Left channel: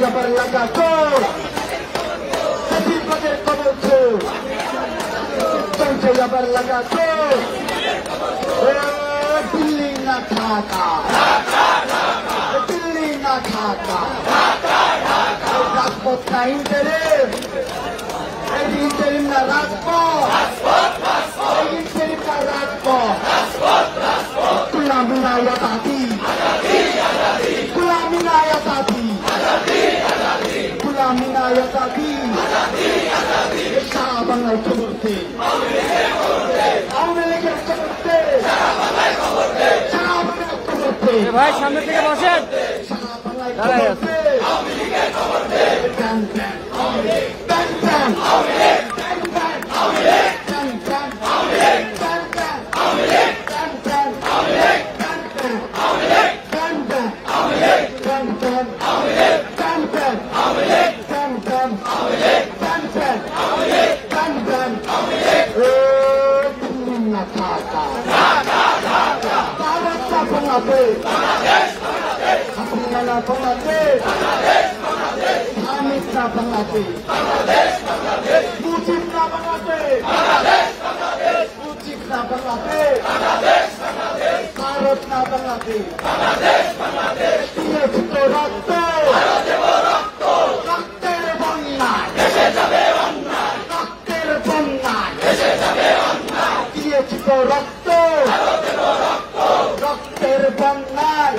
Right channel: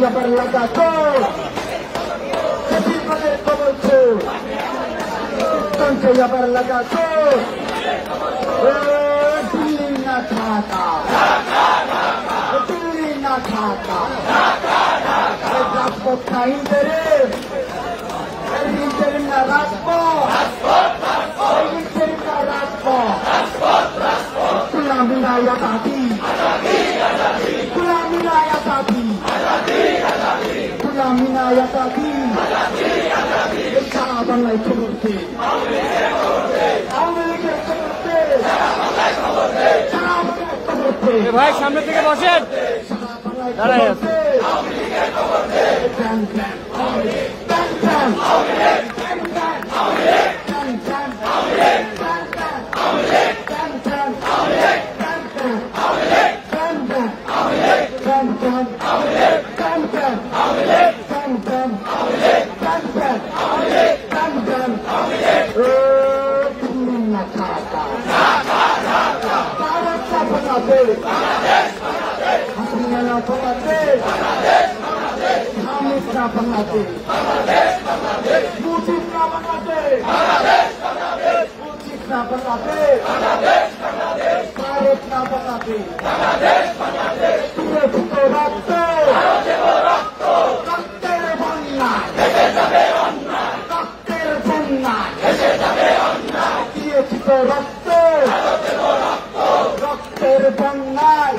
আবার লাগাতো বেশিরভাগের খবর সঞ্চয় আবার লাগাতো দিল্লি না ঢাকা দিল্লি না ঢাকা রাজপথ না ইন্টারে ইন্টারিম না রাজপথ ইন্টারিম না রাজপথ गुलामी ना आजादी गुलामी ना आजादी गुलामी ना आजादी सारा बांग्लाয় খবর দে আওয়ামী লীগের খবর দে সারা বাংলায় খবর দে ভাই সামনে থেকে বসেন দাঁড়ায় আছে আওয়ামী লীগের খবর দে ban ban Awami League ban ban Awami League ban ban Awami League ban ban Awami League ban ban Awami League ban ban Awami League Bharat না বাংলাদেশ রক্ত রক্তের বন্যায় রক্তের বন্যায় দিয়েছি তো রক্ত রক্তের বন্যায়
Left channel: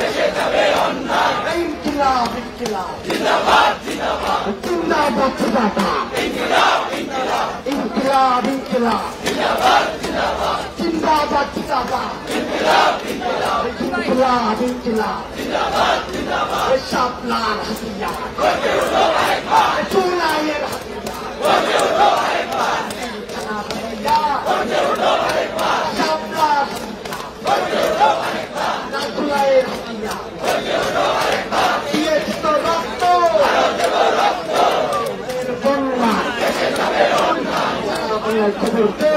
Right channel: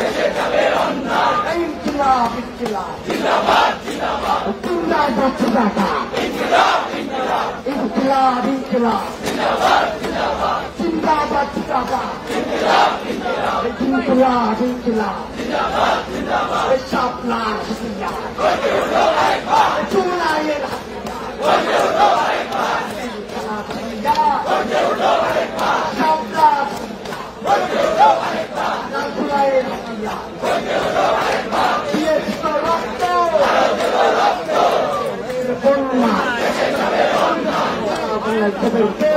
ইনকিলাব ইনকিলাব জিন্দাবাদ জিন্দাবাদ ইনকিলাব ইনকিলাব জিন্দাবাদ জিন্দাবাদ ইনকিলাব ইনকিলাব শাপলা হাতিয়া চুলাইয়ের হাতিয়া শাপলা চুলাইয়ের হাতিয়া দিয়েছি তো রক্ত বন্যা খবর